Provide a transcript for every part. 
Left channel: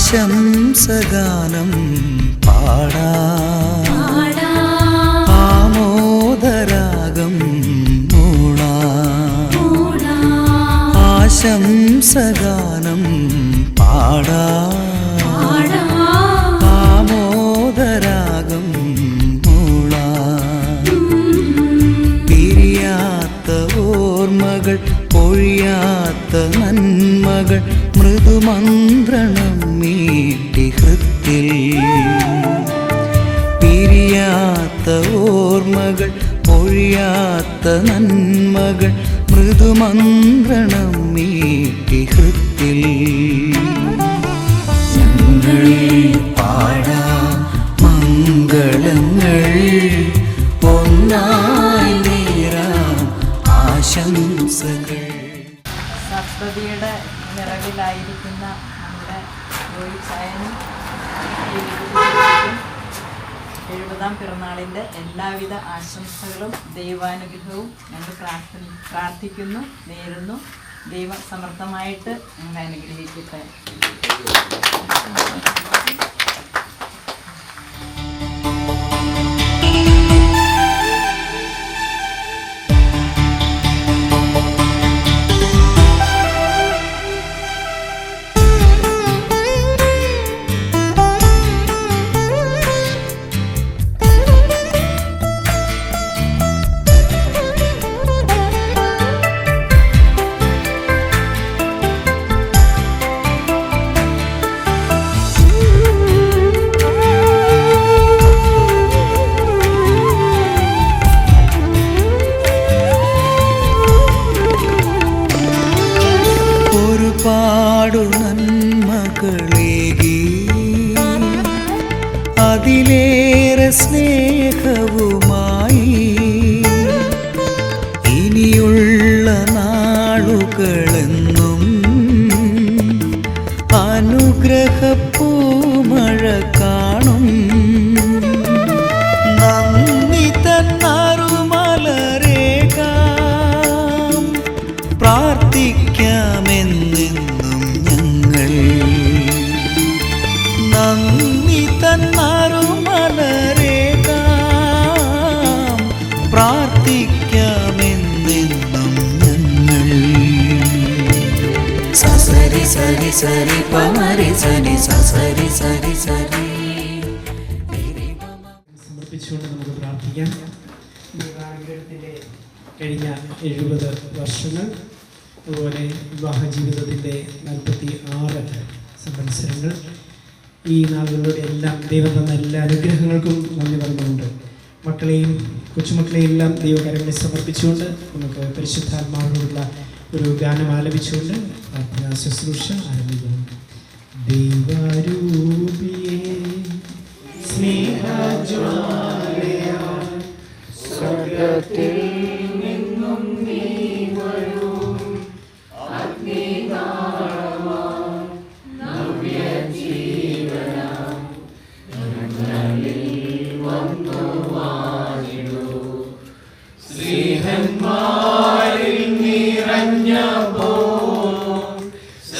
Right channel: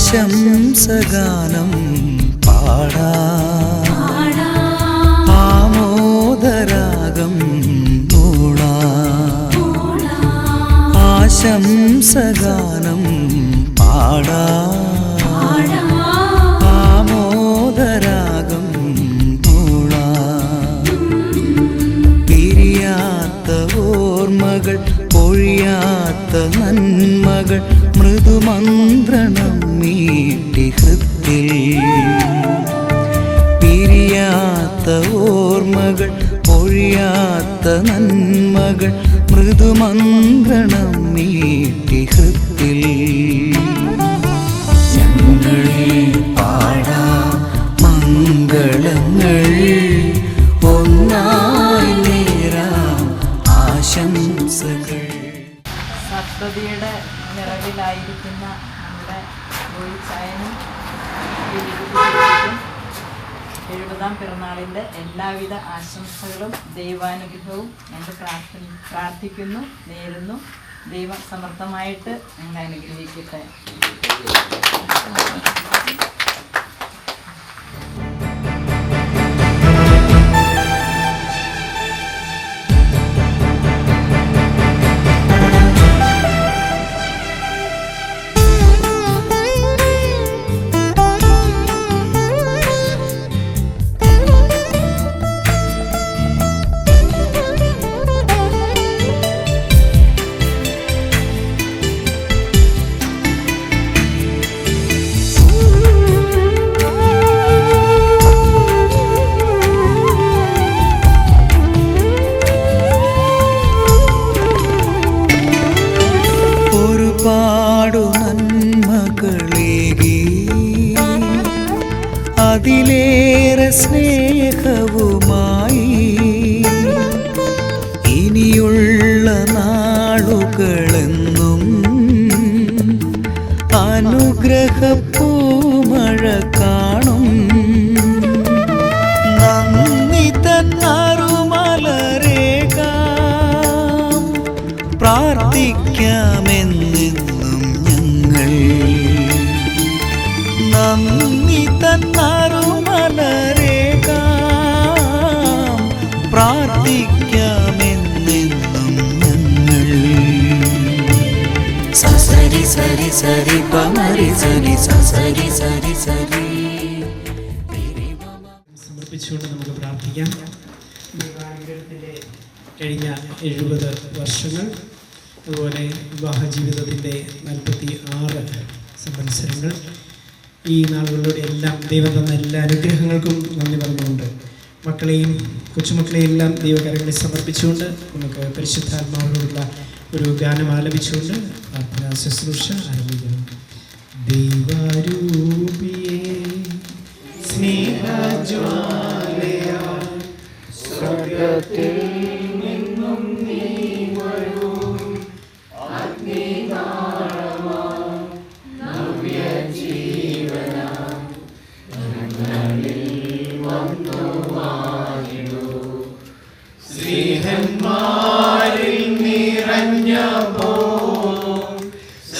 ആശംസഗാനം പാടാം, ആമോദരാഗം മൂളാം. ആശംസഗാനം പാടാം, ആമോദരാഗം മൂളാം. പിരിയാത്ത ഓർമ്മകൾ, പൊഴിയാത്ത നന്മകൾ, മൃദുമന്ത്രണം മീട്ടി ഹൃത്തിൽ. പിരിയാത്ത ഓർമ്മകൾ, പൊഴിയാത്ത നന്മകൾ, മൃദുമന്ത്രണം മീട്ടി ഹൃത്തിൽ. ഞങ്ങൾ പാടാം മംഗളങ്ങൾ, ഒന്നായി നേരാം ആശംസകൾ. സപ്തതിയുടെ നിറവിലായിരിക്കുന്ന നമ്മുടെ റോയിച്ചായനും 70ാം പിറന്നാളിൻ്റെ എല്ലാവിധ ആശംസകളും ദൈവാനുഗ്രഹവും ഞങ്ങൾ പ്രാർത്ഥിക്കുന്നു, നേരുന്നു. ദൈവം സമർത്ഥമായിട്ട് ഞങ്ങളെ അനുഗ്രഹിക്കട്ടെ. ഒരുപാടു നന്മകളേകി, അതിലേറെ സ്നേഹവുമായി ഇനിയുള്ള നാളുകളെന്നും അനുഗ്രഹപ്പൂമഴ കാണും. നന്ദി തന്നറുമലരേകാം, പ്രാർത്ഥിക്കാമെന്നെന്നും ഞങ്ങൾ. നന്ദി തന്നറുമലരേകാം, പ്രാർത്ഥിക്കാമെന്നെന്നും ഞങ്ങൾ. സസരി സരി സരി പമരി സരി സസരി സരി സരി. സമർപ്പിച്ചുകൊണ്ട് നമുക്ക് പ്രാർത്ഥിക്കാം. ദൈവാനുഗ്രഹത്തിൻ്റെ കഴിഞ്ഞ 70 വർഷങ്ങൾ, അതുപോലെ വിവാഹ ജീവിതത്തിൻ്റെ 46 സംവത്സരങ്ങൾ, ഈ നാളുകളിലൂടെ എല്ലാം ദൈവം തന്ന എല്ലാ അനുഗ്രഹങ്ങൾക്കും നന്ദി പറഞ്ഞുകൊണ്ട് മക്കളെയും കൊച്ചുമക്കളെയും എല്ലാം ദൈവകാര്യങ്ങളെ സമർപ്പിച്ചുകൊണ്ട് നമുക്ക് പരിശുദ്ധാത്മാവിനുള്ള ഒരു ഗാനം ആലപിച്ചുകൊണ്ട് പ്രാർത്ഥനാ ശുശ്രൂഷ ആരംഭിക്കുന്നു. ദൈവരൂപിയേ സ്നേഹജ്വാലയാൽ സ്വർഗ്ഗത്തിൽ നിന്നും നീ വരൂ, അഗ്നിനാളമാം നവ്യജീവനാം ഞങ്ങളിൽ വന്നു വാഴിടൂ. സ്നേഹന്മാരിൽ നിറഞ്ഞപ്പോൾ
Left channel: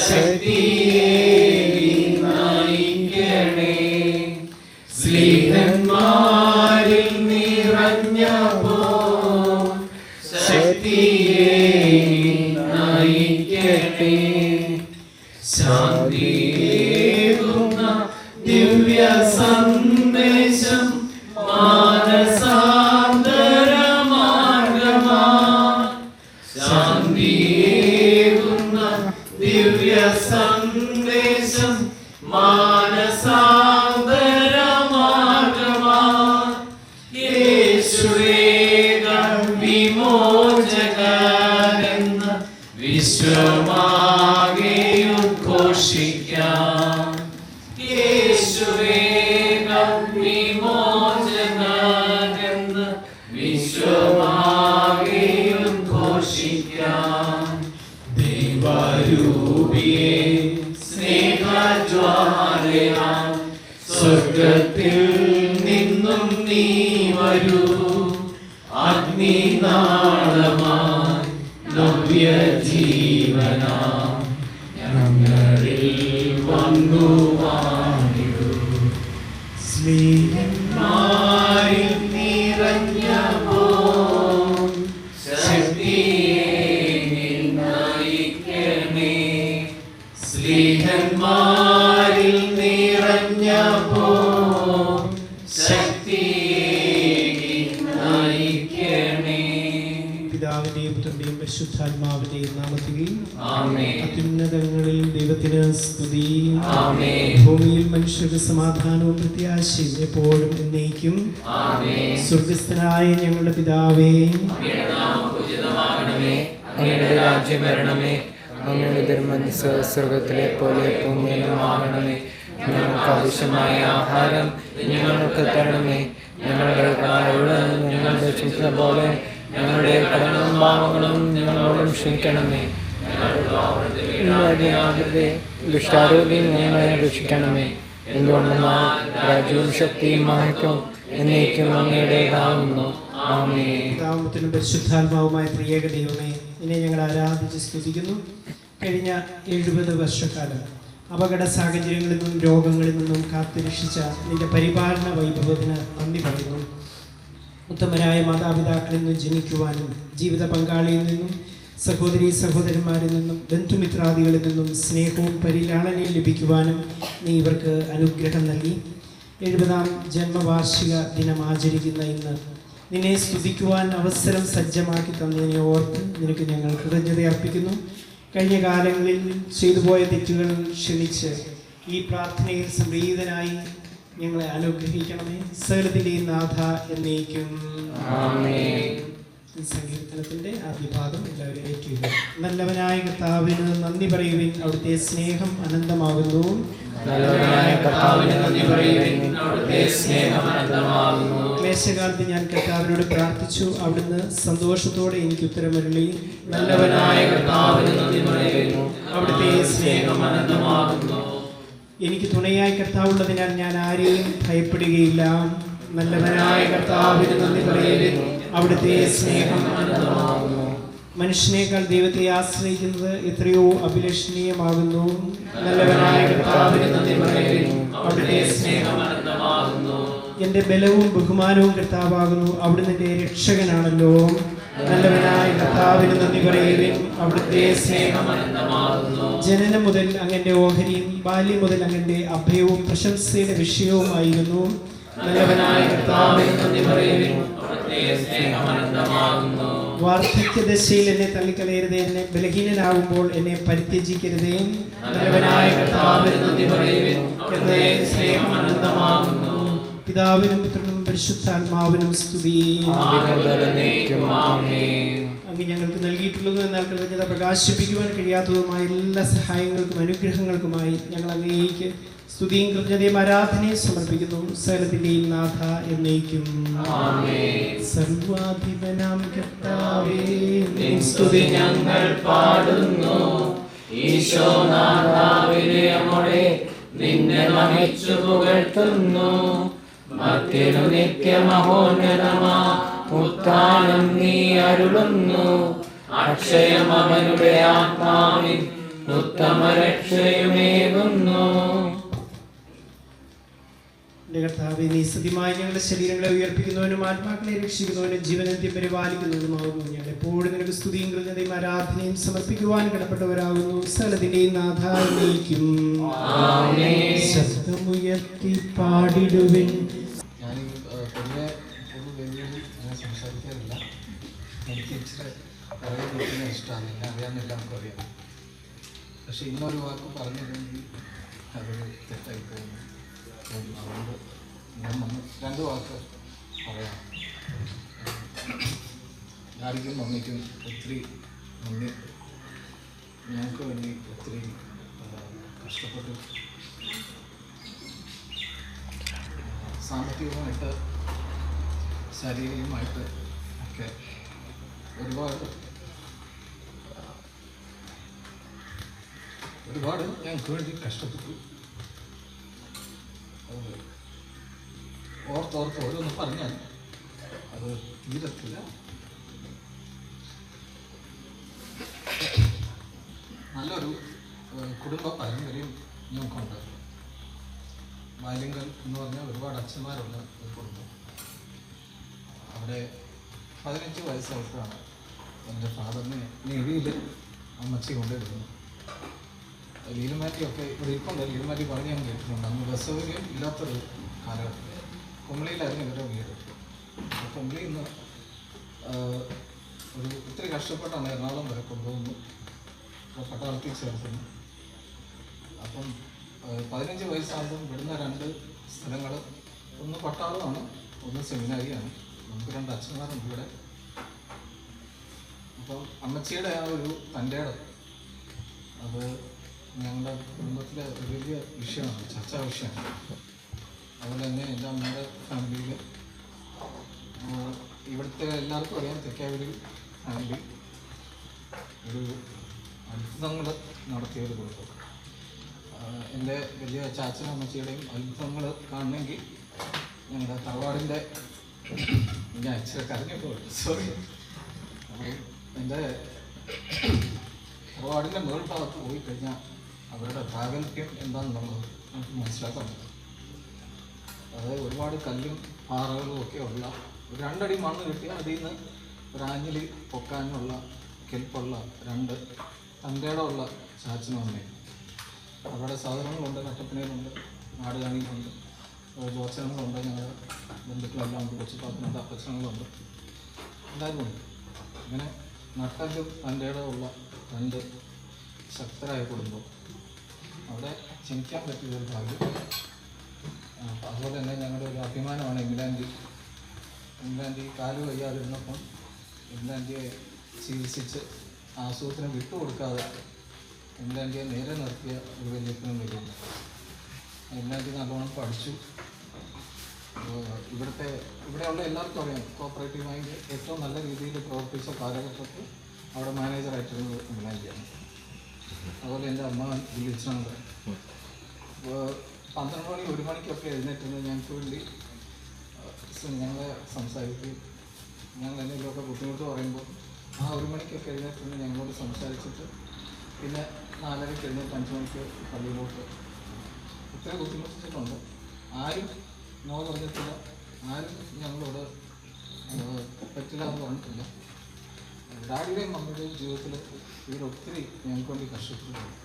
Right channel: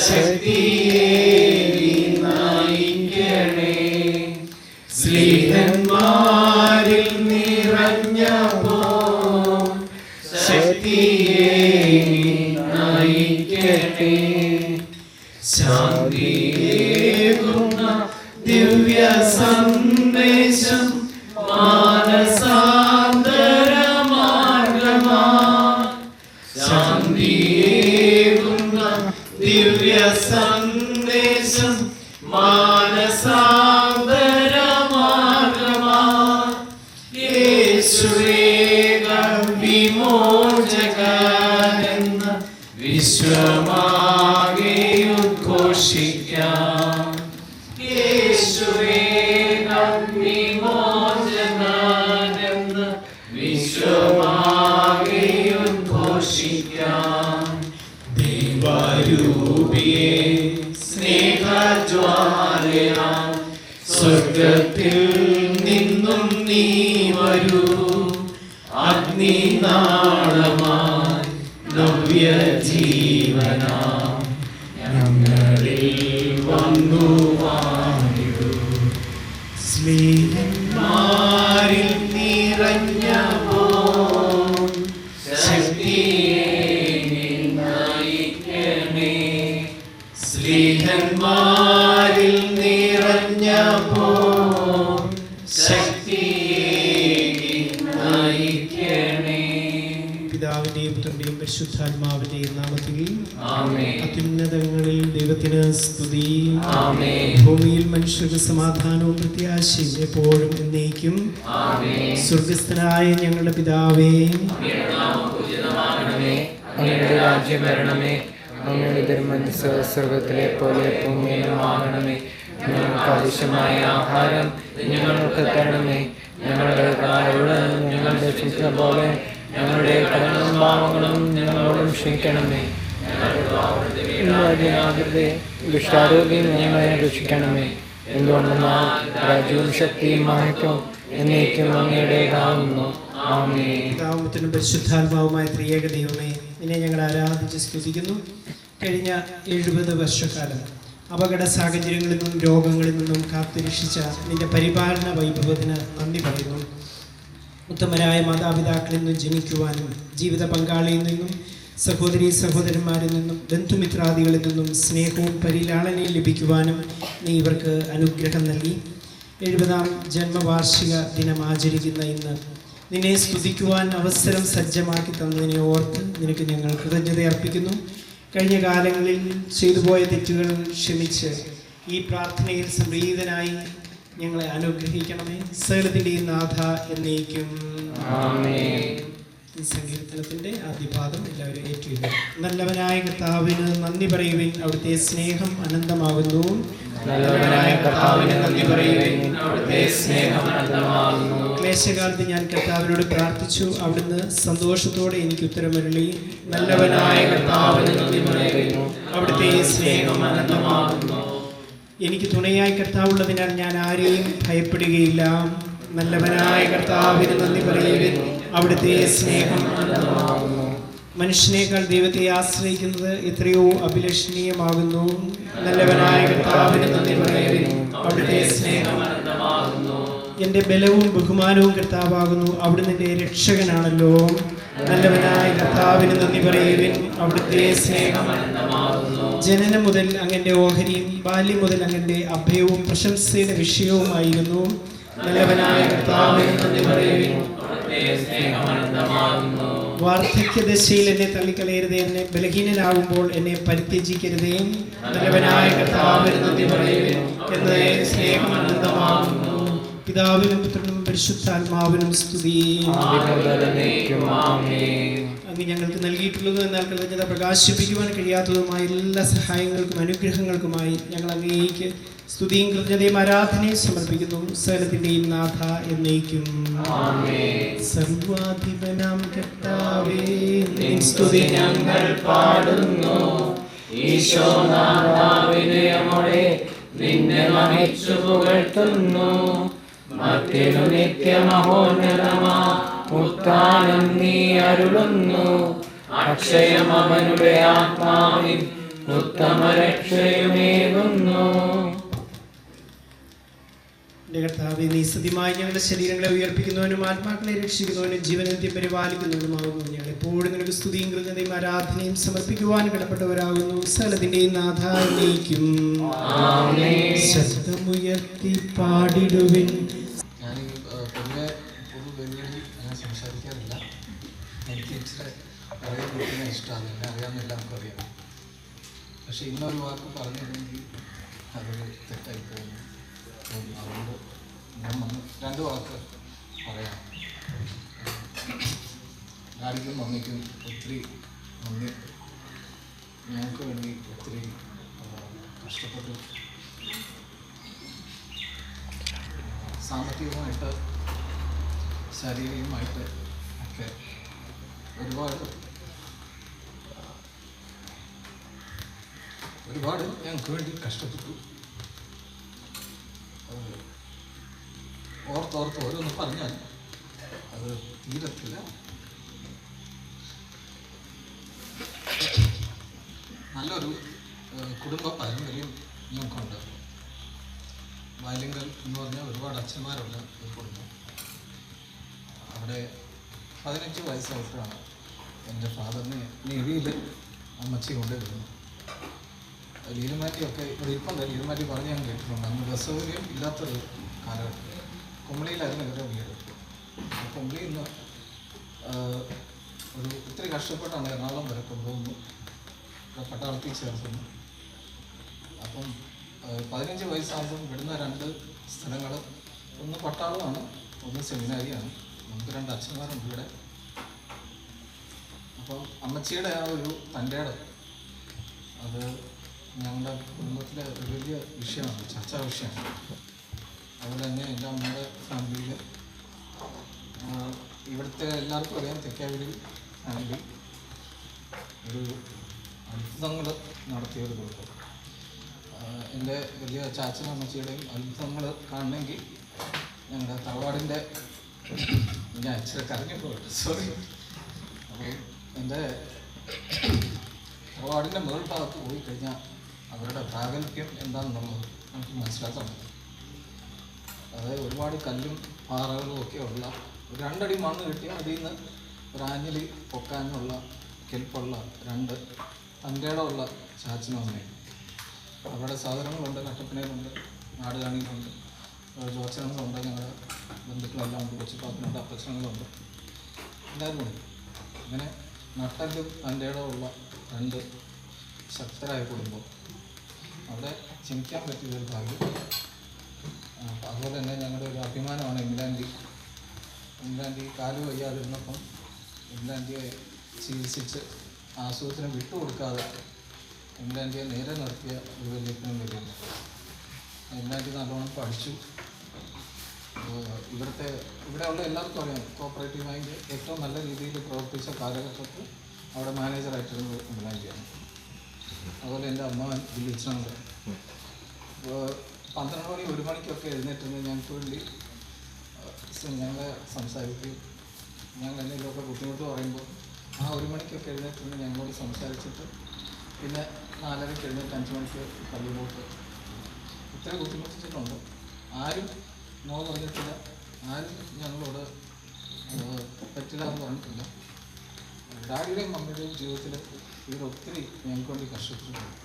സതിയേ നയിക്കണേ. സ്നേഹന്മാരിൽ നിറഞ്ഞപ്പോൾ സതിയേ നയിക്കട്ടെ. ശാന്തിയേകുന്ന ദിവ്യ സന്ദേശം മാനസാന്തരമാർഗമാ. ശാന്തിയേകുന്ന ദിവ്യ സന്ദേശം മാനസാന്തരമാർഗമാ. യേശുവേക വിമോചകനെന്ന വിശ്വമാകെ ഉദ്ഘോഷിക്കാം. യേശുവേക വിമോചകനെന്ന വിശ്വമാകെ ഉദ്ഘോഷിക്കാം. ദൈവരൂപിയേ സ്നേഹജ്വാലയാൽ സ്വർഗ്ഗത്തിൽ നിന്നും നീ വരൂ, അഗ്നിനാളമായി നവ്യജീവനാം ഞങ്ങളിൽ വന്നു വാണിടൂ. സ്നേഹന്മാരിൽ നിറഞ്ഞ ശക്തിയെ നയിക്കണേ. സ്നേഹന്മാരിൽ നിറഞ്ഞ ശക്തിയെ നയിക്കണേ. പിതാവിന്റെയും പുത്രന്റെയും പരിശുദ്ധാത്മാവിന്റെയും നാമത്തിൽ ആമേൻ. അത്യുന്നതങ്ങളിൽ ദൈവത്തിന് സ്തുതി. ആമേൻ. ഭൂമിയിൽ മനുഷ്യർക്ക് സമാധാനവും പ്രത്യാശയും എപ്പോഴും എന്നേക്കും. ആമേൻ. സ്വർഗസ്ഥനായ ഞങ്ങളുടെ പിതാവേ, അങ്ങയുടെ നാമം പൂജിതമാകണമേ. അങ്ങയുടെ രാജ്യം വരണമേ. അങ്ങയുടെ തിരുമനസ്സ് സ്വർഗത്തിലെ പോലെ ഭൂമിയിലുമാകണമേ. ഞങ്ങൾക്ക് ആവശ്യമായ ആഹാരം ഞങ്ങൾക്ക് തരണമേ. ഞങ്ങളുടെ കടങ്ങളോട് ഞങ്ങൾ രക്ഷിക്കുന്ന പോലെ ഞങ്ങളുടെ കടങ്ങളും പാവങ്ങളും ഞങ്ങളോടും ക്ഷമിക്കണമേ. ദുഷ്ടാരോഗ്യം ഞങ്ങളെ രക്ഷിക്കണമേ. എന്തുകൊണ്ടെന്നാൽ രാജ്യവും ശക്തിയും മഹത്വവും എന്നേക്കും അങ്ങയുടേതാകുന്നു. ആമേൻ. പിതാവും പുത്രനും പരിശുദ്ധാത്മാവുമായ ത്രിയേക ദൈവമേ, നിന്നെ ഞങ്ങൾ ആരാധിച്ച് സ്തുതിക്കുന്നു. കഴിഞ്ഞ 70 വർഷക്കാലം അപകട സാഹചര്യങ്ങളിൽ നിന്നും രോഗങ്ങളിൽ നിന്നും കാത്തുരക്ഷിച്ച നിന്റെ പരിപാലന വൈഭവത്തിന് നന്ദി പറയുന്നു. ഉത്തമരായ മാതാപിതാക്കളിൽ നിന്നും ജനിക്കുവാനും ജീവിത പങ്കാളിയിൽ നിന്നും സഹോദരീ സഹോദരന്മാരിൽ നിന്നും ബന്ധുമിത്രാദികളിൽ നിന്നും സ്നേഹവും പരിലാളനയും ലഭിക്കുവാനും നീ ഇവർക്ക് അനുഗ്രഹം നൽകി. 70ാം ജന്മവാർഷിക ദിനം ആചരിക്കുന്ന ഇന്ന് നിന്നെ സ്തുതിക്കുവാൻ അവസരം സജ്ജമാക്കി തന്നതിനെ ഓർത്ത് നിനക്ക് ഞങ്ങൾ കൃതജ്ഞത അർപ്പിക്കുന്നു. കഴിഞ്ഞ കാലങ്ങളിൽ ചെയ്തുപോയ തെറ്റുകൾ ക്ഷമിച്ച് ഈ പ്രാർത്ഥനയിൽ സംപ്രീതനായി ഞങ്ങളെ അനുഗ്രഹിക്കണമേ. സകലത്തിന്റെയും നാഥ എന്നേക്കും. ആമേൻ. ഈ സങ്കീർത്തനത്തിന്റെ ആദ്യപാദം എല്ലാവരും ഏറ്റുക. നല്ലവനായ കർത്താവിന് നന്ദി പറയുവിൻ, അവിടുത്തെ സ്നേഹം അനന്തമാകുന്നു. നല്ലവനായ കർത്താവിന് നന്ദി പറയുവിൻ, അവിടുത്തെ സ്നേഹം അനന്തമാകുന്നു. ക്ലേശകാലത്ത് ഞാൻ കർത്താവിനോട് പ്രാർത്ഥിച്ചു, അവിടുന്ന് സന്തോഷത്തോടെ എനിക്ക് ഉത്തരമരുളി. നല്ലവനായ കർത്താവിന് നന്ദി പറയുന്നു, അവിടുത്തെ സ്നേഹം അനന്തമാകുന്നു. എനിക്ക് തുണയായി കർത്താവുള്ളതിനാൽ ഞാൻ ആരെയും ഭയപ്പെടുകയില്ല. നല്ലവനായ കർത്താവിന് നന്ദി പറയുവിൻ, അവിടുത്തെ സ്നേഹം അനന്തമാകുന്നു. മനുഷ്യനേക്കാൾ ദൈവത്തെ ആശ്രയിക്കുന്നത് എത്രയോ അഭിലഷണീയമാകുന്നു. നല്ലവനായ കർത്താവിന് നന്ദി പറയുവിൻ, അവിടുത്തെ സ്നേഹം അനന്തമാകുന്നു. എന്റെ ബലവും ബഹുമാനവും കർത്താവാകുന്നു, അവിടുന്ന് എന്റെ രക്ഷകനാണല്ലോ. നല്ലവനായ കർത്താവിന് നന്ദി പറയുവിൻ, അവിടുത്തെ സ്നേഹം അനന്തമാകുന്നു. ജനനം മുതൽ അങ്ങന്റെ ഓഹരിയും ബാല്യം മുതൽ അങ്ങന്റെ അഭയവും പ്രശംസയുടെ വിഷയവുമായിരുന്നു. നല്ലവനായ കർത്താവിന് നന്ദി പറയുവിൻ, അവിടുത്തെ സ്നേഹം അനന്തമാകുന്നു. വാർദ്ധക്യദശയിൽ എന്നെ തള്ളിക്കളയരുതേ, എന്നെ ബലഹീനനാകുമ്പോൾ എന്നെ പരിത്യജിക്കരുതേ. നല്ലവനായ കർത്താവിന് നന്ദി പറയുവിൻ, അവിടുത്തെ സ്നേഹം അനന്തമാകുന്നു. പിതാവിനും പുത്രനും പരിശുദ്ധാത്മാവിനും സ്തുതി. അങ്ങ് ഞങ്ങൾക്ക് നൽകിയിട്ടുള്ളതും എന്നാൽ കൃതജ്ഞത പ്രകാശിപ്പിക്കുവാൻ കഴിയാത്തതുമായ എല്ലാ സഹായങ്ങൾക്കും അനുഗ്രഹങ്ങൾക്കുമായി ഞങ്ങൾ അങ്ങേക്ക് സ്തുതിയും കൃതജ്ഞതയും ആരാധനയും സമർപ്പിക്കുന്നു. സകലത്തിന്റെയും നാഥ എന്നേക്കും. സർവാധിപനാം കർത്താവേ, നിൻ സ്തുതി ഞങ്ങൾ പാടുന്നു. ഈശോനാഥാവിനെ നിന്നെ നമിച്ചു പുകഴ്ത്തുന്നു. മറ്റൊരു നിത്യമഹോന്നതമാ ഉത്ഥാനം നീ അരുളുന്നു. അക്ഷയം അവനുടെ ആത്മാവിൽ ഉത്തമ രക്ഷയുമേകുന്നു. എന്റെ കർത്താവേ, നീ സത്യമായി ഞങ്ങളുടെ ശരീരങ്ങളെ ഉയർപ്പിക്കുന്നവനും ആത്മാക്കളെ രക്ഷിക്കുന്നവനും ജീവനന്ത്യം പരിപാലിക്കുന്നവനുമാകുന്നു. ഞങ്ങൾ എപ്പോഴും നിനക്ക് സ്തുതിയും കൃതജ്ഞതയും ആരാധനയും സമർപ്പിക്കുവാൻ കടപ്പെട്ടവരാകുന്നു. സകലത്തിന്റെയും നാഥ എന്നേക്കും. ശബ്ദമുയർത്തി പാടിടുവിൻ. ഞാൻ പൊതുവെ വലിയ അങ്ങനെ സംസാരിക്കാറില്ല. എനിക്ക് ഇച്ചിരി പറയുന്ന ഇഷ്ടമാണ്, എന്നെ അറിയാമെന്ന് എല്ലാവർക്കും അറിയാം. പക്ഷെ ഇന്നൊരു വാക്ക് പറഞ്ഞില്ലെങ്കിൽ അതൊരു തെറ്റായി പോകുന്നു. അതുകൊണ്ട് ഞാൻ 2 വാക്ക് പറയാം. ആർക്കും മമ്മിക്കും ഒത്തിരി നന്ദി. ഞങ്ങൾക്ക് വേണ്ടി ഒത്തിരി കഷ്ടപ്പെട്ടു. സാമ്പത്തികമായിട്ട് ശാരീരികമായിട്ട് ഒക്കെ ഒരുപാട് ഞങ്ങൾക്ക് വേണ്ടി കഷ്ടപ്പെട്ടു. അത് ഓർത്തോർത്ത് ഓരോന്ന് പറഞ്ഞാൽ അത് തീരത്തില്ല. നല്ലൊരു കുടുംബ പാരമ്പര്യം ഞങ്ങൾക്കുണ്ട്. ബാല്യങ്കൽ എന്ന് പറഞ്ഞാൽ ഒരുപാട് അച്ഛന്മാരുള്ള ഒരു കുടുംബം. അവിടെ 15 വയസ്സായപ്പോഴാണ് എൻ്റെ ഫാദറിനെ നേവിയിൽ അമ്മച്ചി കൊണ്ടുവരുന്നത്. ലീലുമാറ്റിയൊക്കെ ഇവിടെ ഇരിപ്പുണ്ട്. ലീലുമാറ്റി പറഞ്ഞ് ഞാൻ കേട്ടിട്ടുണ്ട്. അന്ന് ബസ് സൗകര്യം ഇല്ലാത്തൊരു കാലഘട്ടം. കുമളിയിലായിരുന്നു ഇവരുടെ വീട്. കുമളിയിൽ നിന്ന് ഒരു ഇത്തിരി കഷ്ടപ്പെട്ടാണ് എറണാകുളം വരെ കൊണ്ടുവന്നു പട്ടാളത്തിൽ ചേർക്കുന്നു. അപ്പം 15 വയസ്സാകുമ്പം വിടുന്ന 2 സ്ഥലങ്ങൾ, ഒന്ന് പട്ടാളമാണ്, ഒന്ന് സെമിനാരിയാണ്. നമുക്ക് 2 അച്ഛന്മാരുണ്ട് ഇവിടെ. അപ്പം അമ്മച്ചിയുടെ ആ ഒരു തൻ്റെ ഇടം അത് ഞങ്ങളുടെ കുടുംബത്തിലെ ഒരു വലിയ വിഷയമാണ്, ചർച്ചാ വിഷയമാണ്. അതുപോലെ തന്നെ എൻ്റെ അമ്മയുടെ ഫാമിലിയിൽ ഇവിടുത്തെ എല്ലാവർക്കും അറിയാം, തെക്കാവൂർ ഫാമിലി ഒരു അത്ഭുതങ്ങൾ നടത്തിയൊരു കുടുംബം. എൻ്റെ വലിയ ചാച്ചനും അമ്മച്ചിയുടെയും അത്ഭുതങ്ങൾ കാണണമെങ്കിൽ ഞങ്ങളുടെ തറവാടിൻ്റെ ഞാൻ ഇച്ചിരി കരഞ്ഞപ്പോൾ സോറി. അപ്പോൾ എൻ്റെ തറവാടിൻ്റെ മേൾ ഭാഗത്ത് പോയി കഴിഞ്ഞാൽ അവരുടെ പ്രാഗൽഭ്യം എന്താണെന്നുള്ളത് നമുക്ക് മനസ്സിലാക്കാൻ പറ്റും. അതായത് ഒരുപാട് കല്ലും പാറകളും ഒക്കെ ഉള്ള ഒരു 2 അടി മണ്ണ് കിട്ടിയാൽ അതിൽ നിന്ന് ഒരു ആഞ്ഞിലി പൊക്കാനുള്ള കെൽപ്പുള്ള 2 തൻ്റെയുള്ള ചാച്ചനും അമ്മയും. അവരുടെ സാധനങ്ങളുണ്ട്, കട്ടപ്പനയിലുണ്ട്, നാടുകാണിയിലുണ്ട്, ജോച്ചനങ്ങളുണ്ട്, ഞങ്ങളുടെ ബന്ധുക്കളെല്ലാം ഉണ്ട്, കൊച്ചിപ്പാത്തിനുണ്ട്, അപ്പച്ചനങ്ങളുണ്ട്, എല്ലാവരും ഉണ്ട്. ഇങ്ങനെ നട്ടലും തൻ്റെ ഉള്ള 2 ശക്തരായ കുടുംബം. അവിടെ ചിന്തിക്കാൻ പറ്റിയൊരു കാര്യം. അതുപോലെ തന്നെ ഞങ്ങളുടെ ഒരു അഭിമാനമാണ് ഇംഗ്ലാൻഡ് കാല് വയ്യാതിരുന്നപ്പം ഇംഗ്ലാൻഡിയെ ചികിത്സിച്ച് ആശുപത്രിനെ വിട്ടുകൊടുക്കാതെ ഇംഗ്ലാൻഡിയെ നേരെ നിർത്തിയ ഒരു വലിയപ്പനും വരുന്നു. ഇംഗ്ലാൻഡിൽ നല്ലോണം പഠിച്ചു. ഇവിടെയുള്ള എല്ലാവർക്കും അറിയാം, കോപ്പറേറ്റീവായി ഏറ്റവും നല്ല രീതിയിൽ പ്രവർത്തിച്ച കാലഘട്ടത്തിൽ അവിടെ മാനേജറായിട്ടിരുന്നത് ഇംഗ്ലാൻഡിയാണ്. അതുപോലെ എൻ്റെ അമ്മ വിളിച്ചുണ്ട്. 12 മണി 1 മണിക്കൊക്കെ എഴുന്നേറ്റുന്നത് ഞങ്ങൾക്ക് വേണ്ടി ഞങ്ങളെ സംസാരിക്കും. ഞങ്ങൾ എന്തെങ്കിലുമൊക്കെ ബുദ്ധിമുട്ട് പറയുമ്പോൾ ആ 1 മണിക്കൊക്കെ എഴുന്നേറ്റുന്നത് ഞങ്ങളോട് സംസാരിച്ചിട്ട് പിന്നെ 4:30 എഴുന്നേറ്റ് 5 മണിക്ക് പള്ളിയിലോട്ട് ഇത്ര ബുദ്ധിമുട്ടിച്ചിട്ടുണ്ട്. ആരും നോ പറഞ്ഞിട്ടില്ല, ആരും ഞങ്ങളോട് പറ്റില്ല എന്ന് പറഞ്ഞിട്ടില്ല. ഡാഡിയുടെയും മമ്മിയുടെയും ജീവിതത്തിൽ ഇവരൊത്തിരി ഞങ്ങൾക്ക് വേണ്ടി കഷ്ടപ്പെട്ടിട്ടുണ്ട്.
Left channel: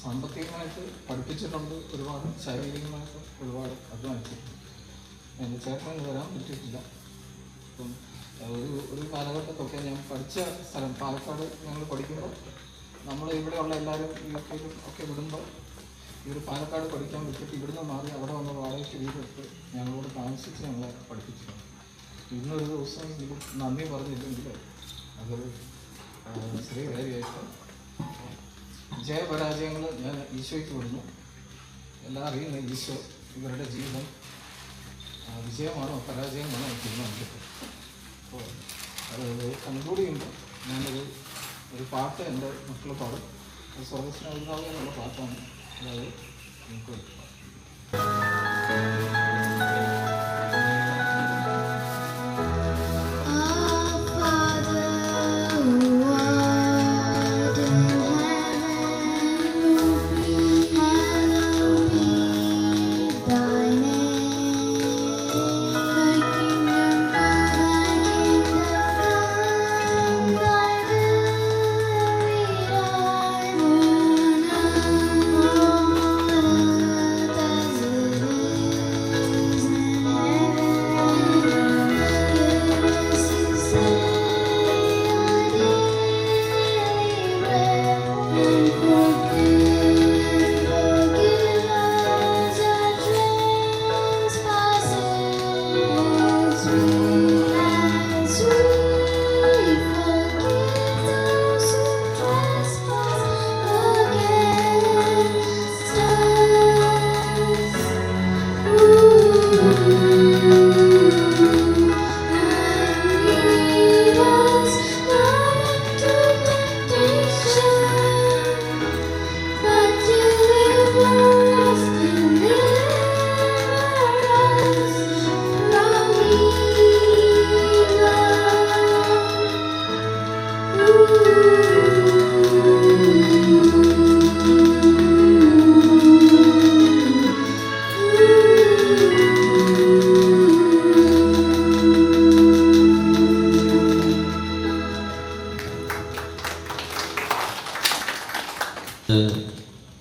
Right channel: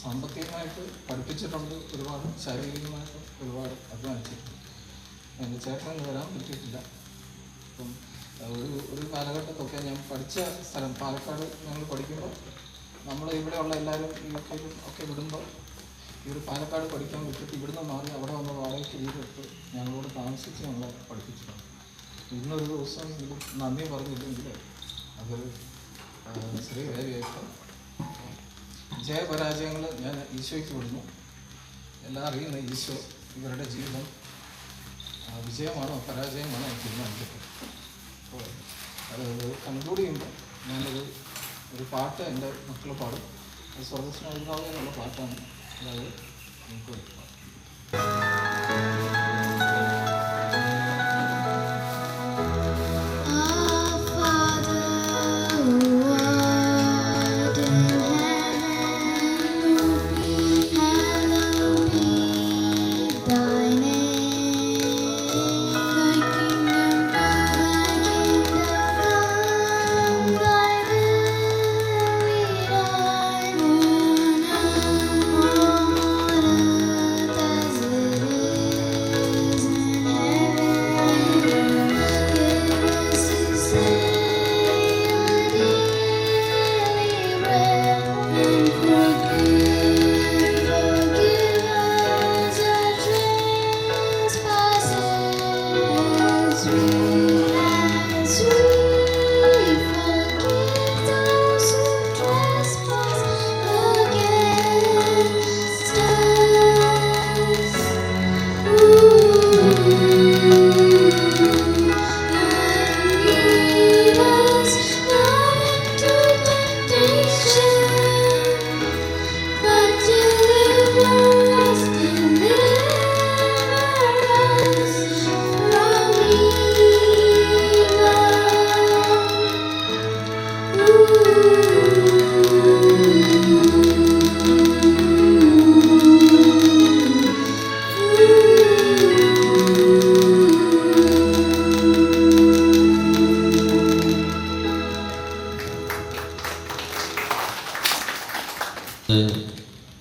സാമ്പത്തികമായിട്ട് പഠിപ്പിച്ചിട്ടുണ്ട്, ഒരുപാട് ശാരീരികമായിട്ട് ഒരുപാട് അധ്വാനിച്ചിട്ടുണ്ട്. എൻ്റെ ചേട്ടന് വരാൻ പറ്റിയിട്ടില്ല. അപ്പം ഒരു കാലഘട്ടത്തൊക്കെ ഞാൻ പഠിച്ച സ്ഥലം പാലക്കാട് ഞങ്ങൾ പഠിക്കുമ്പോൾ നമ്മൾ ഇവിടെയുള്ള എല്ലാവരും യുകെയിലും ഒക്കെ വിടുമ്പോൾ ഈ ഒരു പാലക്കാട് പഠിക്കാൻ വിട്ടിട്ട് ഇവിടുന്ന് മാറി അവിടെ വന്ന് വാടകയ്ക്ക് വീടെടുത്ത് ഞങ്ങളോട് താമസിച്ച് ഞങ്ങളെ പഠിപ്പിച്ചിട്ടുണ്ട്. ഇന്നൊരു ദിവസം എങ്കിലും നന്ദി പറഞ്ഞില്ലെങ്കിൽ അതൊരു ചെറിയ കാര്യമായിട്ട്. ജയപരാജയങ്ങൾ ഞാൻ ഈശോയ്ക്ക് വിടുന്നു. എല്ലാം അറിയുന്ന ഈശോ ഇവരുടെ ജീവിതം വിജയമാണോ പരാജയമാണോ തീരുമാനിക്കട്ടെ. അപ്പോൾ അത് കൺക്ലൂഡ് ചെയ്യുമ്പോൾ ഒരു പാട്ട് എൻ്റെ മക്കൾ പാടും. അത് സ്വർഗസ്നാവിതാവേ എന്നുള്ള പാട്ടാണ്. അതായത് നമുക്ക് Thy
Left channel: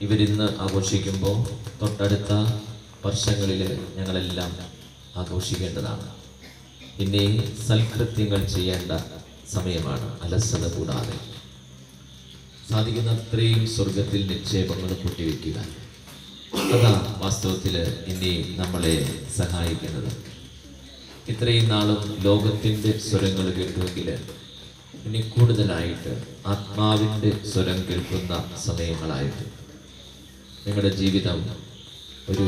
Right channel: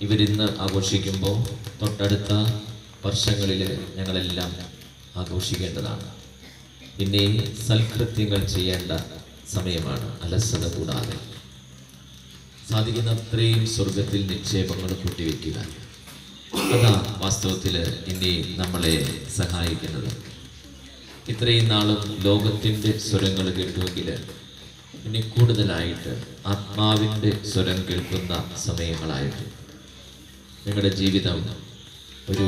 ഇവരിന്ന് ആഘോഷിക്കുമ്പോൾ തൊട്ടടുത്ത വർഷങ്ങളിൽ ഞങ്ങളെല്ലാം ആഘോഷിക്കേണ്ടതാണ്. പിന്നെ സൽകൃത്യങ്ങൾ ചെയ്യേണ്ട സമയമാണ്. അലസത കൂടാതെ സാധിക്കുന്ന അത്രയും സ്വർഗത്തിൽ നിക്ഷേപങ്ങൾ കൂട്ടിവെക്കുക. അതാണ് വാസ്തവത്തിൽ ഇനി നമ്മളെ സഹായിക്കുന്നത്. ഇത്രയും നാളും ലോകത്തിൻ്റെ സ്വരങ്ങൾ കേട്ടുവെങ്കിൽ ഇനി കൂടുതലായിട്ട് ആത്മാവിൻ്റെ സ്വരം കേൾക്കുന്ന സമയങ്ങളായിട്ട് നിങ്ങളുടെ ജീവിതം ഒരു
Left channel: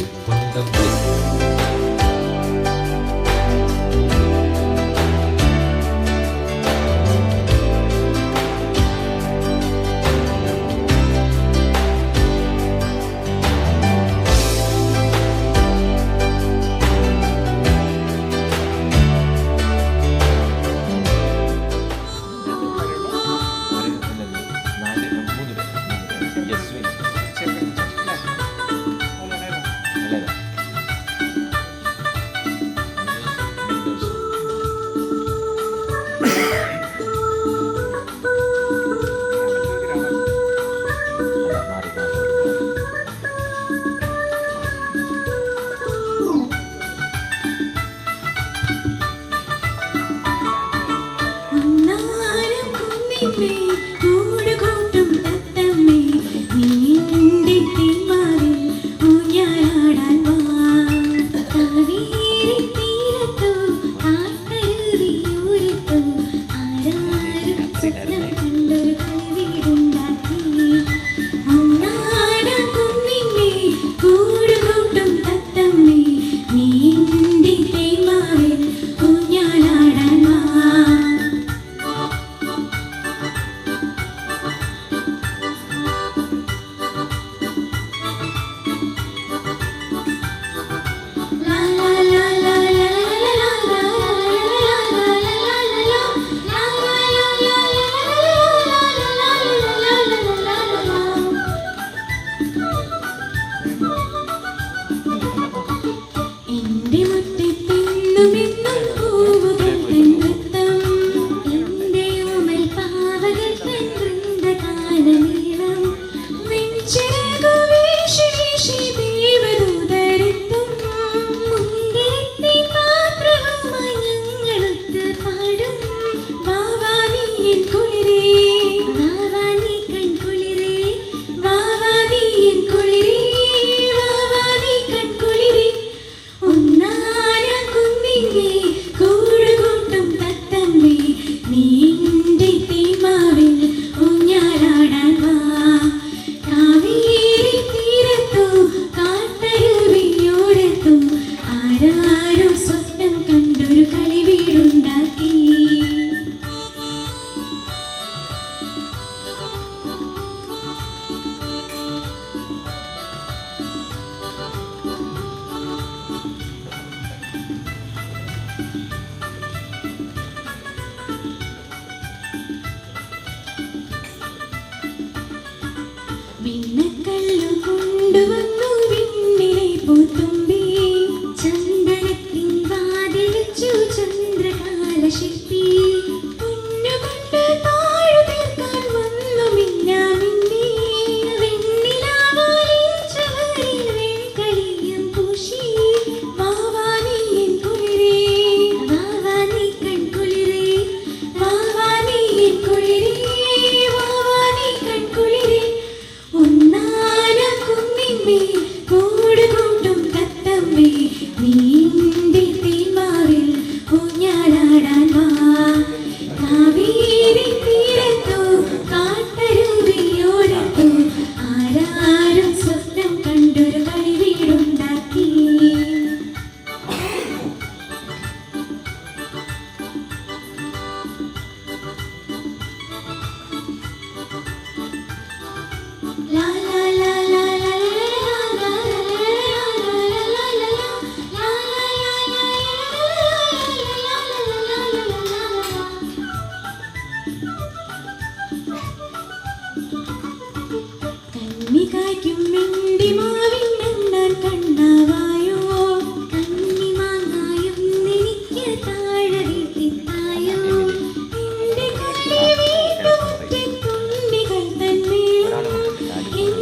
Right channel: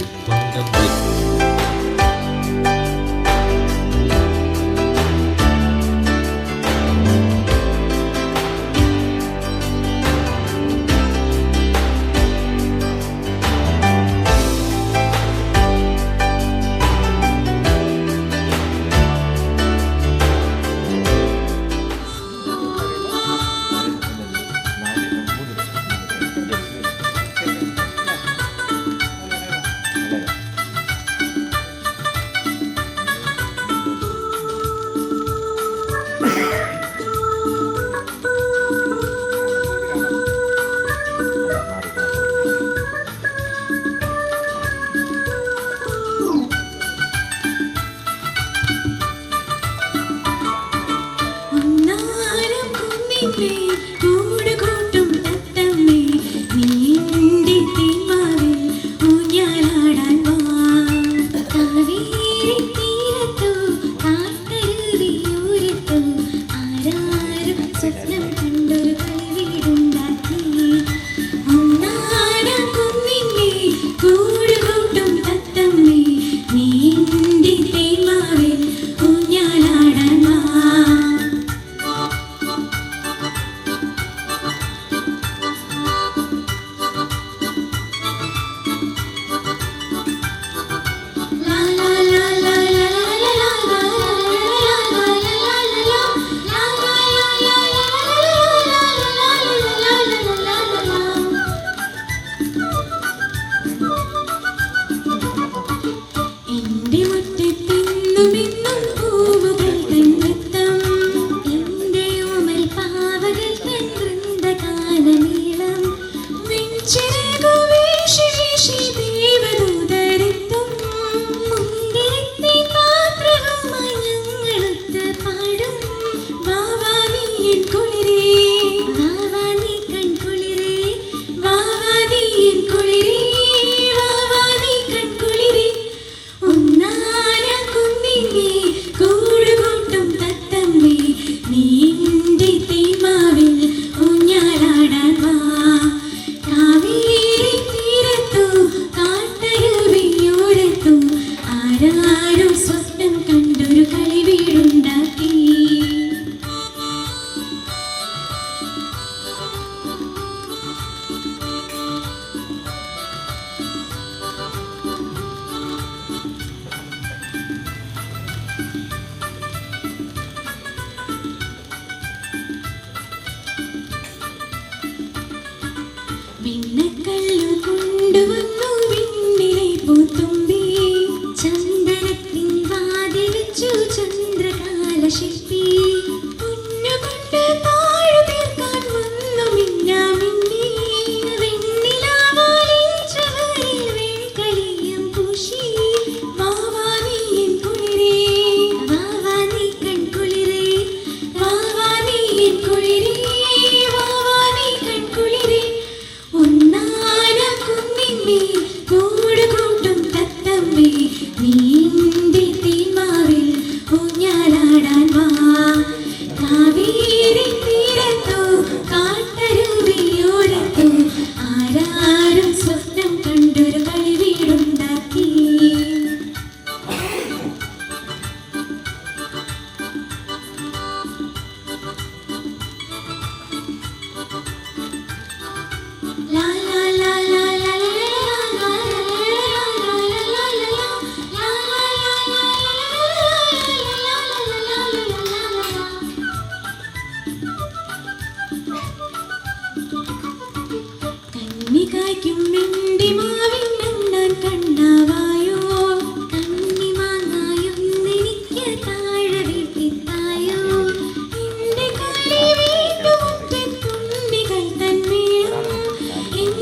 In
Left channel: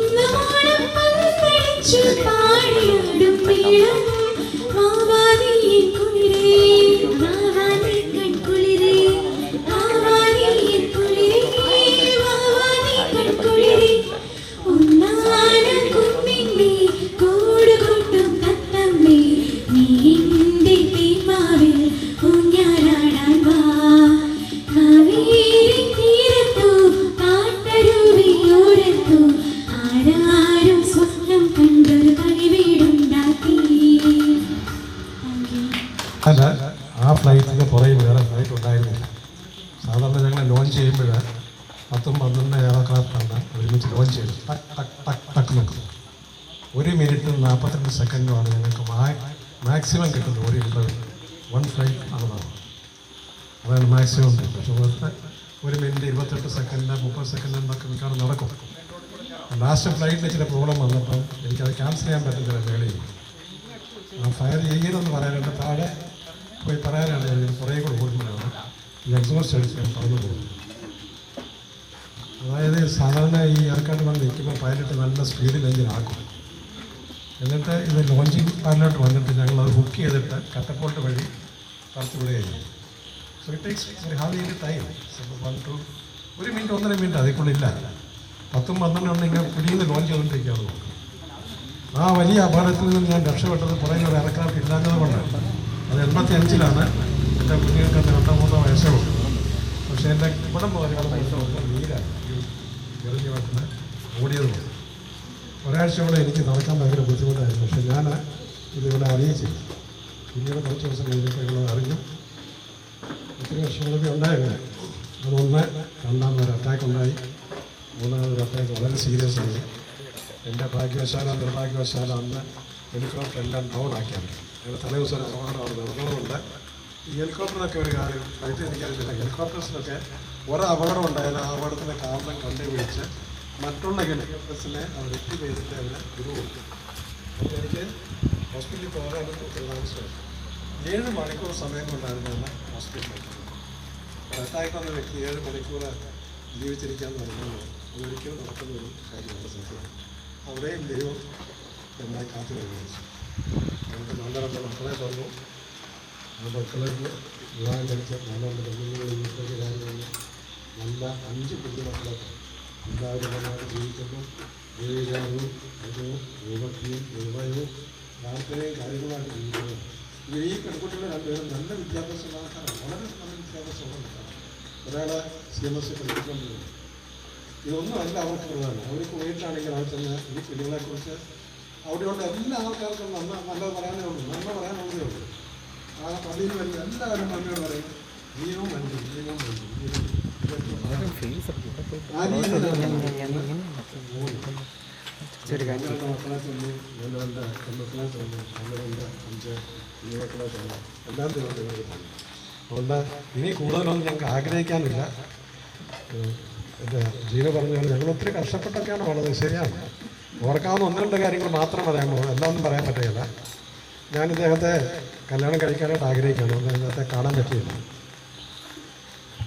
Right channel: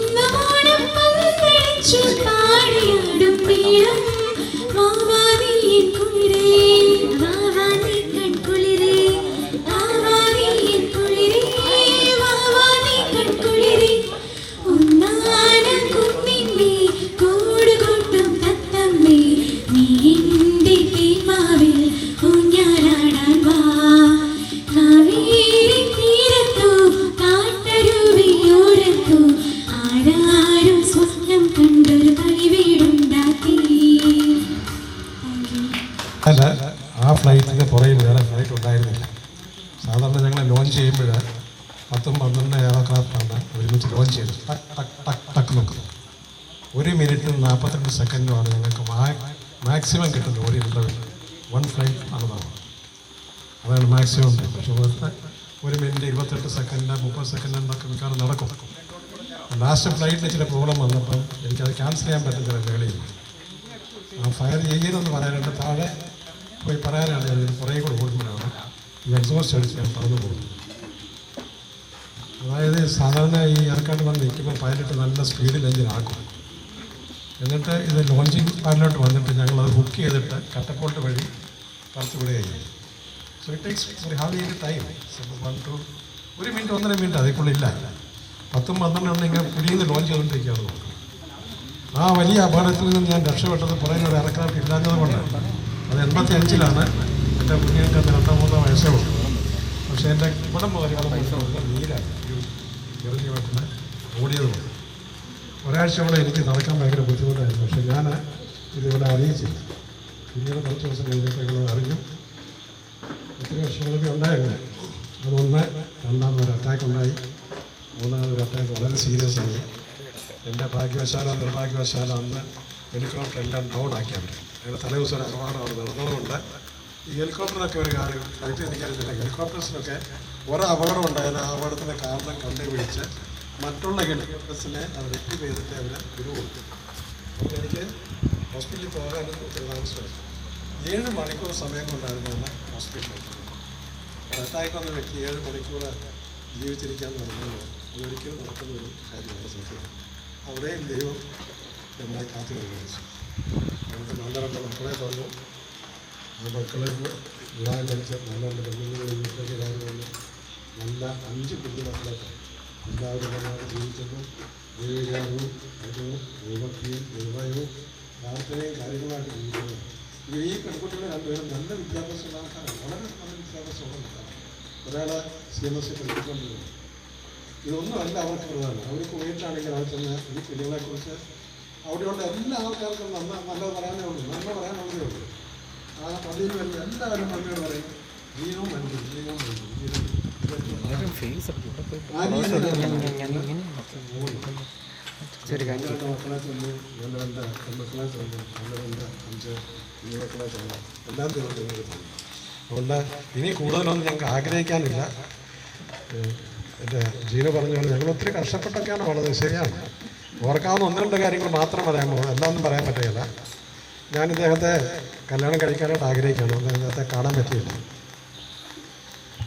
വെച്ച് ലോഞ്ച് ചെയ്തു. ടക്ക് നിൽക്കും. 1 മിനിറ്റും 42 സെക്കൻഡുമാണ് നിങ്ങൾക്ക് മാക്സിമം കിട്ടുന്നത്. ഒരു ഇൻ്റർവ്യൂ 1 ഫ്ലൈറ്റ് ആണെന്നാണ്. അതാണ് മാക്സിമം. പക്ഷേ 1 മിനിറ്റ് 28 സെക്കൻഡ് 30 സെക്കൻഡ് എന്നൊക്കെ മിക്കവാറും നടക്കും. ലാസ്റ്റ് ഫ്ലൈറ്റിന് ചില പ്രോബ്ലം വന്നപ്പോൾ എനിക്കത് ക്യാൻസൽ ചെയ്യാൻ പറ്റുന്നില്ല. മേളിൽ ആ ഫയർ ചെയ്തെന്ന് പറയാനുണ്ട്. താഴെ പോയി പറയാനാണ് ഞാൻ കുറേ കൂടെ കൂടുതലാണ് ഈ എക്സോസ്റ്റ് അടിച്ച് ഞാൻ പറഞ്ഞു പോകുന്നത്. അതായത് സാധാരണ ഈ ഏർക്കാട്ട് വന്ന് നിൽക്കുമ്പോൾ പൈലറ്റ് നല്ല സ്പീഡിൽ എഞ്ചിൻ ആക്കും. എന്നിട്ട് ഇത് ലോഞ്ചിങ് പാഡിലോട്ട് വന്നിട്ട് ഞങ്ങളത് ബുക്ക് ചെയ്തിട്ട് കട്ടപ്പോട്ട് വഴി പറത്ത് വിടുകയാണ്. സോ ഇറ്റ് ടേക്സ് ഹാവ് ചെയ്ത് ടൈം. 1 മിനിറ്റ് 1.5 മിനിറ്റ് അതിക്കുള്ളില്ല. 10-12 ഇങ്ങനെ കുടിയിൽ നിന്ന് ലോഞ്ച് ചെയ്തുകൊണ്ടിരിക്കുകയാണ്. ആ വലിയ അപകടത്തിൽ നിന്ന് ഞാൻ രക്ഷപ്പെട്ടത് കുറേ ഒരു എയർക്രാഫ്റ്റ് ഇല്ലാത്തത് കൊണ്ടാണ്. അത് 85-ലാണ്. എൻ്റെ കുഞ്ഞിനൊക്കെ 2-3 വയസ്സേ ഉള്ളൂ. പക്ഷേ എൻ്റെ ഇവിടെ പോലെയാണ് നീരാണ് ചെറിയ വെട്ടിന് ഓടിയത്. ഒരാഴ്ചയോടെ എനിക്ക് നടക്കാൻ ഭയങ്കര ബുദ്ധിമുട്ടായിരുന്നു. പക്ഷേ ഞാൻ ഇതിവിടെ അറിയിച്ചില്ല. പിന്നീട് കുറച്ച് ദിവസം കഴിഞ്ഞപ്പോൾ ഇവിടെ അറിഞ്ഞു. ഒത്തിരി വർഷങ്ങളൊക്കെ ഉണ്ടായിരുന്നു. അതൊന്ന് രണ്ടാമതൊരു അറ്റാക്ക് ഉണ്ടായി. മൂന്നാമതൊരു അറ്റാക്ക് വളരെ സീരിയസ് ആയി. എൻ്റെ നിർഭാഗ്യവശാല അന്ന് ഹെലികോപ്റ്റർ എല്ലാം ഡൗൺ ആക്കിയാണ്. അങ്ങനെ തലേദിവസം അപകടമാണ് നിർമ്മാണമുണ്ട്. ഈ ഹെലികോപ്റ്ററിനൊക്കെ ഒരു കാര്യം കളിച്ച് എനിക്കറിയില്ല. ഹെലികോപ്റ്റേഴ്സിനൊക്കെ ഒരു അപകടം ഉണ്ടായിരുന്നു. ആ അപകടത്തിൻ്റെ കാരണം കണ്ടുപിടിച്ച് മറ്റുള്ള ഹെലികോപ്റ്റേഴ്സിനെ അത് റിപ്പീ ചെയ്തിട്ട് അവരെ വിടുകൊടുത്തു. അപ്പോൾ എനിക്ക് ഹോസ്പിറ്റലിൽ പോകാനും തീരുമാനിച്ചത് 7 മണിക്കൂർ സമയം കൊണ്ടായിരുന്നു ഹോസ്പിറ്റലിൽ. അറ്റാക്ക് വന്ന വ്യക്തി 7 മണിക്കൂർ ജീവിച്ചിരിക്കാമെന്ന് പറഞ്ഞാൽ അതൊരിക്കലും നടക്കുന്നൊരു കാര്യമാണ്. സത്യം അവിടെയും ദൈവം നമ്മളെ കാത്തു വരുന്നത്. നമുക്ക് 12 മക്കളെ തന്നു. ആ മക്കളെ വിവാഹം കഴിച്ച 4 പെണ്ണുങ്ങൾ നല്ല 5 കുഞ്ഞുമക്കളെ എല്ലാവരും നന്നായിട്ട് ജീവിക്കുന്നു. ദൈവവും അതും ദൈവത്തെയും ദൈവവും പ്രാർത്ഥനയും കാര്യങ്ങളായിട്ട് ജീവിക്കുന്നു. ഈ പെൺകുട്ടികളെ 2 പേരും നല്ല വിദ്യാഭ്യാസമുള്ള ആൾക്കാരാണ്. വളരെ നല്ല വിദ്യാഭ്യാസമുള്ള ആൾക്കാരാണ്. ഒരാൾ CMSE പഠിപ്പിച്ചുകൊണ്ടിരുന്നു. ഇതൊന്നും അല്ല അവർക്ക് പ്രധാനം. അവർക്ക് വീട്ടിലാണെങ്കിൽ അവിടെ തന്നെ ഈ കുഞ്ഞുങ്ങളെക്കുറിച്ച് അവിടെയുള്ള എല്ലാ ആൾക്കാർക്കും നല്ലത് പറയാനേ ഉള്ളൂ. നന്മ പറയാനുള്ളതേ ഉള്ളൂ. ആ പള്ളിയിൽ വരുന്ന എല്ലാവരും നന്മയോട് പറയും. ജീവവും വേണ്ടി ജീവവും വേണ്ടി മക്കളെ തന്നു. 2 പെൺമക്കളെ തന്നു. 2, 5 കുഞ്ഞുമക്കളെ തന്നു. എല്ലാം തന്നു. അതുകൊണ്ട് ഇനി കൂടുതലൊന്നും ഞങ്ങൾക്ക് ആഗ്രഹിക്കാനില്ല. എൻ്റെ ജീവ പറഞ്ഞ പോലെ ഞങ്ങൾ ഒത്തിരി കഷ്ടപ്പെട്ടൊക്കെയാണ് വളരെ ശരിയാണ്. ഓർക്കാവുന്ന 1-2 കാര്യങ്ങൾ മാത്രം പറയാൻ പോകുന്നത്. എല്ലാമൊന്നും പറയാൻ പറ്റുകയില്ല. ഞാൻ ഇദ്ദേഹത്തെ കല്യാണം കഴിക്കാനായിട്ട് ആഗ്രഹിക്കുകയാണ്. അദ്ദേഹത്തെ കാണാൻ പറ്റിയില്ല.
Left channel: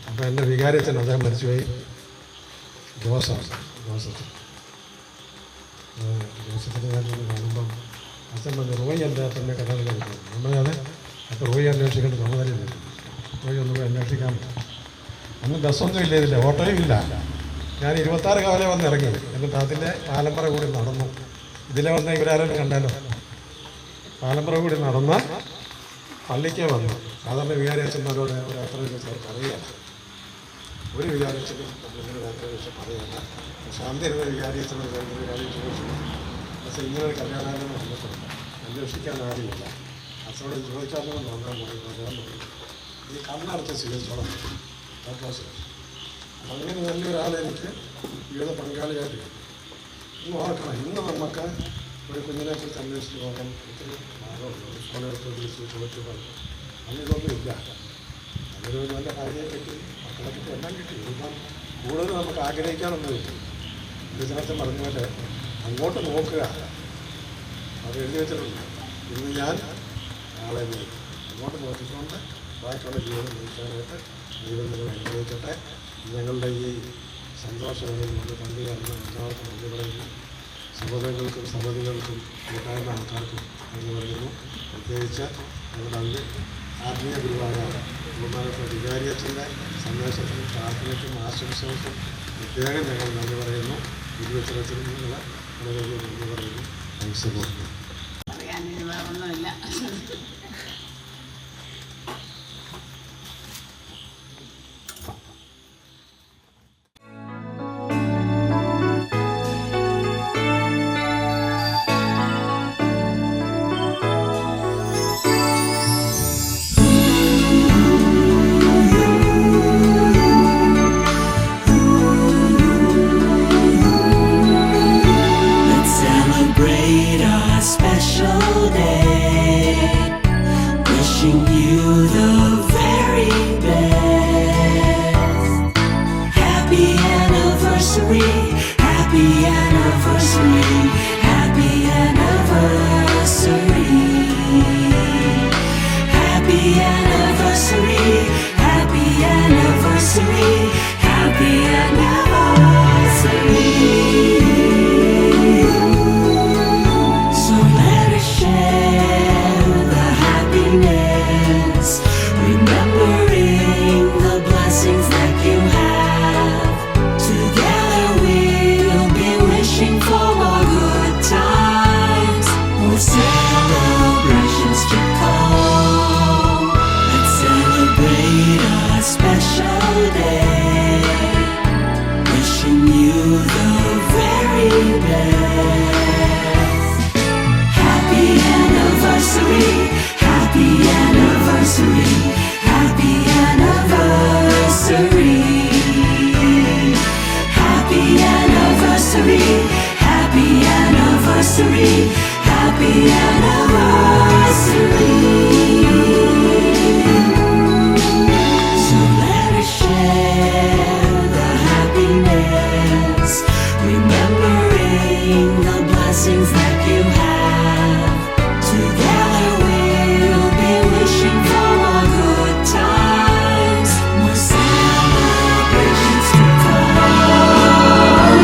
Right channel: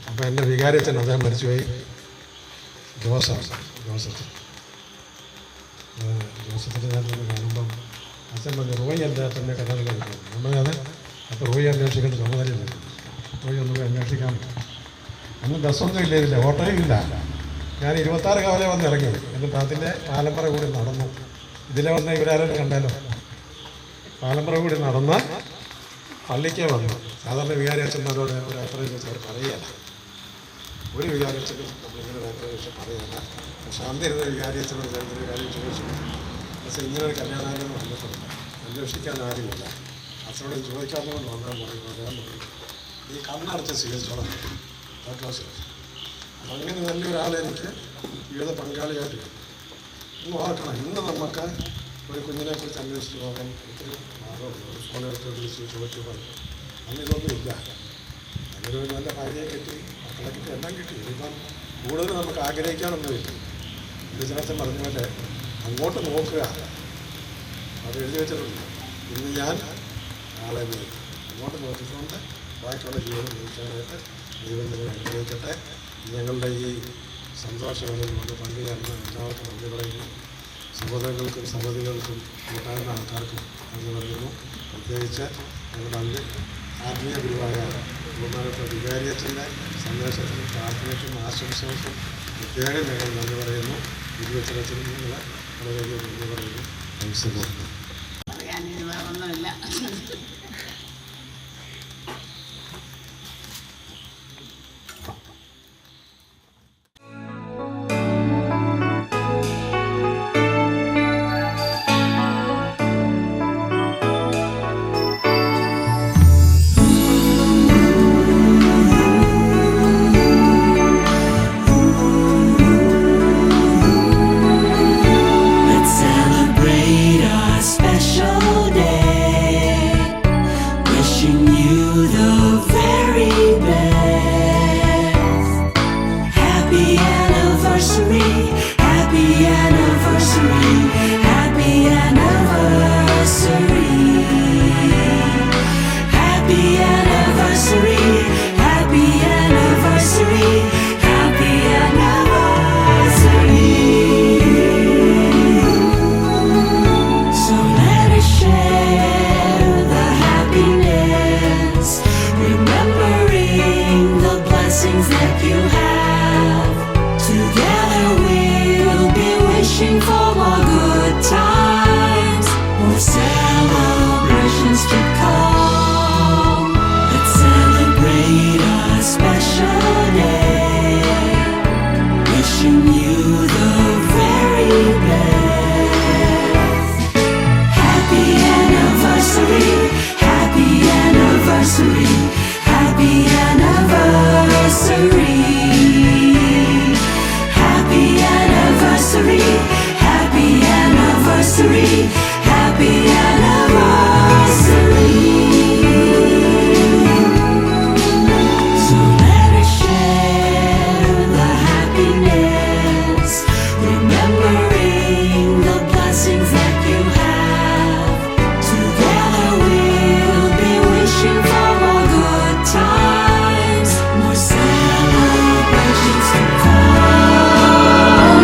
അപ്പോൾ എൻ്റെ വികാരത്തിന് അദ്ദേഹം മരിച്ചുപോയി. ജോസഫിനെ ഞാനൊന്ന് കാണുമ്പം അച്ഛൻ പറഞ്ഞു റോയി അദ്ദേഹത്തിൻ്റെ കല്യാണം കഴിക്കുന്നു. നമ്മളത് അപ്പോൾ റോയി അന്വേഷിക്കേണ്ട ചുമതലയില്ല. റോയി ഒന്ന് പോയി അന്വേഷിക്കാൻ പറ്റും. അന്ന് ബസ്സൊന്നും ഇല്ല, ഇതില്ല, ഓട്ടോയും ഇല്ല. ഞാൻ 26 കാലം വന്ന് ഇറങ്ങി. എന്നിട്ട് അതിൻ്റെ പാലമ്പറ കൂടി നടന്നു. ഇതിലെ വന്ന് ഇവരാരും കണ്ടാലോ. പാലമ്പറ കൂടി നടന്ന പള്ളിക്ക് വന്നു. സാധാരണ വികാരി അച്ഛന്മാരോട് ഒരു യാത്രയെ കുറിച്ച് അവർ പറയുകയാണ്. ഒരു വികാരി അച്ഛനും നമ്മളിങ്ങനെ യാത്രയെ കുറിച്ച് പറയുകയാണ്. പക്ഷെ അന്നിരുന്ന വികാരി അച്ഛനും വികാരി ചോദിച്ചു. പക്ഷേ ഇങ്ങനെ ഒരു കല്യാണം വന്നിട്ട് അന്വേഷിക്കാൻ ആരുമില്ല. അച്ഛനോട് ചോദിക്കാമോ നോക്കാൻ പറയുന്നത് ഈ കണ്ണടച്ച് സ്വീകരിച്ചോളം അങ്ങനെ നല്ലൊരാളെ എനിക്ക് ജീവിത പങ്കാളിയായിട്ട് ഒന്ന് ഓർക്കണം. ഇന്ന് നമുക്ക് ഒരു കുഞ്ഞിനെ കുറിച്ച് അന്വേഷിച്ച് നോക്കാൻ ഒത്തിരി ഫോണെടുത്ത് വിളിച്ച് ചോദിച്ചു പറഞ്ഞു. അന്ന് ഇതൊന്നും ഇല്ല. അതൊരു നല്ല കാര്യയെ കിട്ടി, മക്കളെ കിട്ടി, എല്ലാം കിട്ടി. ഇപ്പം കൂടുതൽ നമുക്ക് ആഗ്രഹിക്കാനുള്ളത് കിട്ടി. ബിസിനസ് പറഞ്ഞ പോലെ അങ്ങോട്ട് നോക്കുക. അത് എഴുതി വെച്ചിട്ടില്ല. ഇന്ന് ഞാൻ നാളെ അങ്ങോട്ട് നോക്കിക്കൊണ്ട് ബാക്കിയുള്ള ജീവിതം നയിക്കാനായിട്ട് ദൈവം നിങ്ങൾ അനുഗ്രഹിക്കട്ടെ. ഞങ്ങളുടെ ഈ സന്തോഷങ്ങളിൽ നമ്മൾ പങ്കുചേർന്ന് എല്ലാവർക്കും നന്ദി പറയുന്നു. സഹോദരങ്ങൾക്കും സഹോദരികൾക്കും കൂട്ടാകുന്ന ആൾക്കാർക്കും നന്ദി പറയുന്നു. പ്രത്യേകിച്ച് ഞങ്ങളുടെ ആത്മീയ ഗുരുവായ ബഹുമാനപ്പെട്ട വികാരിയച്ഛൻ്റെ സന്ദേശത്തിനും പ്രാർത്ഥനയ്ക്കും ആശംസകൾക്കും പ്രത്യേകം ഞങ്ങൾ നന്ദി പറയുന്നു. ഇരുവച്ചനത്തിനും ഞങ്ങൾ വളരെയധികം നന്ദി പറയുന്നു. നമസ്കാരം. Happy anniversary, happy anniversary. Happy anniversary, happy anniversary, happy anniversary. So let us share the happiness, remembering the blessings that you have. Together we'll be wishing for more good times, more celebrations to come. Let's celebrate our special day, wishing you the very best. Happy anniversary, happy anniversary, happy anniversary. Happy anniversary, happy anniversary, happy anniversary. So let us share the happiness, remembering the blessings that you have. Together we'll be wishing for more good times, more celebrations to come.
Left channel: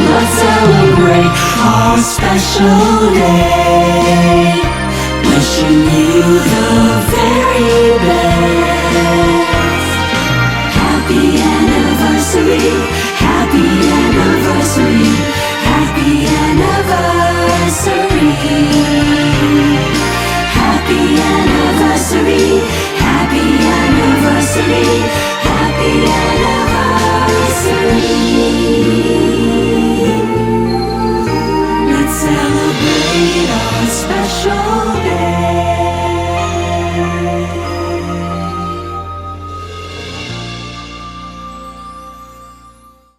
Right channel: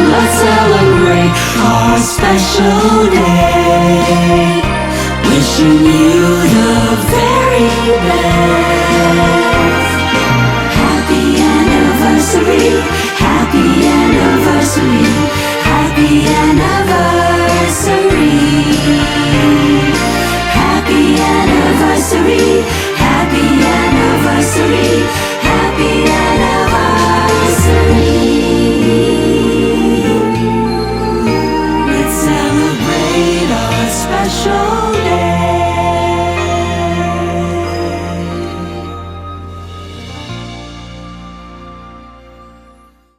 Let's celebrate our special day, wishing you the very best. Happy anniversary,